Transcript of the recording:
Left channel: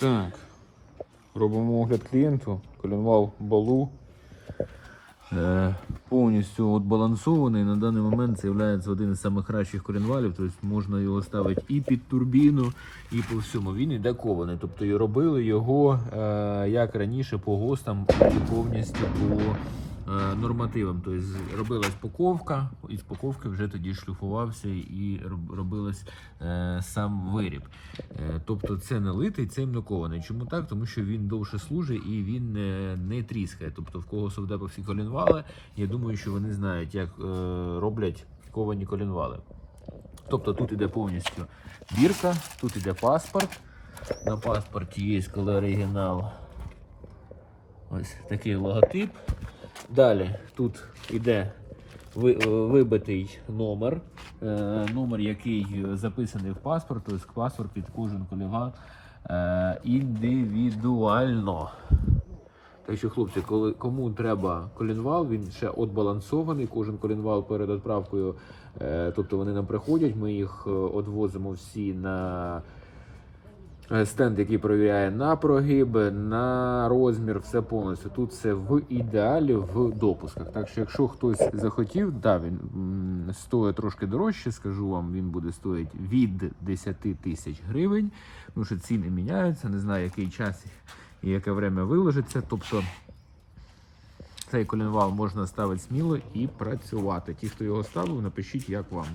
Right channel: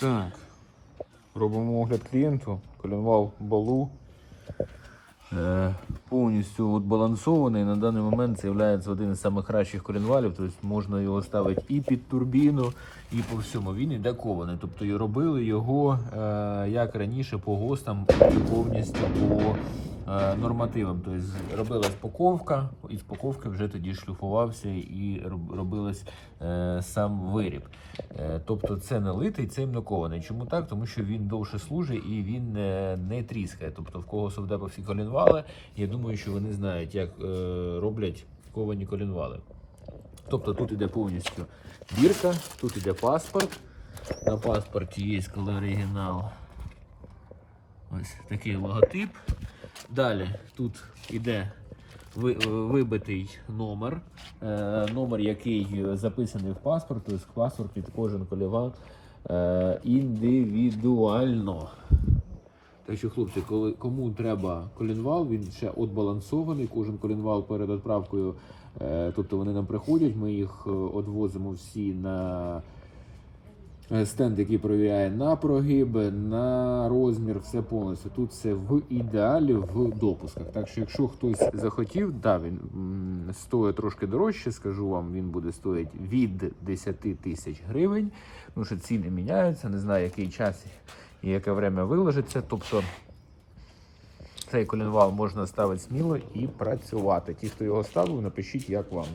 Так. Робимо огляд. Коленвал балу. Е, повністю от балансований. На даний момент це є один із найкращих коленвалів. Тобто можна його ставити і під турбіну, і по всьому. Він іде кований. Тобто і робили його е, як раніше по ГОСТам і повністю по нормативам. Тобто робилась паковка, і з паковки вже тоді шліфувався і робилось е, сам виріб. Е, Тобто це не литий, це імнокований. Чому так? Тому що він довше служить і він е, не тріскає. Тобто в кого совдеповські колінвали, я думаю, що вони знають, як е, роблять ковані колінвали. Тобто тут іде повністю бірка, тут іде паспорт. На паспорті є коли оригінал. Ось такий логотип. Далі тут іде е, вибитий номер, е, номер, який записаний в паспорт, тобто паспорт під кожен коліван е, індивідуально. Так що, хлопці, коли кому треба колінвал, він ще отбалансований. Кожен колінвал перед відправкою. Тобто вони нам приходять, ми їх одвозимо всі на стенд, який перевіряє на прогиб, на розмір, все повністю. Тут все в ідеалі в допусках. Так що, якщо хтось захотів, да, він стоїть трошки дорожче, скажу вам, він буде стоїти від 10 тисяч гривень. Тому що ціни міняються, не знаю, який час і яке время виложиться. Тобто цей колінвал можна ставити сміло і працювати. Ті, хто його ставив, напишіть, як вам.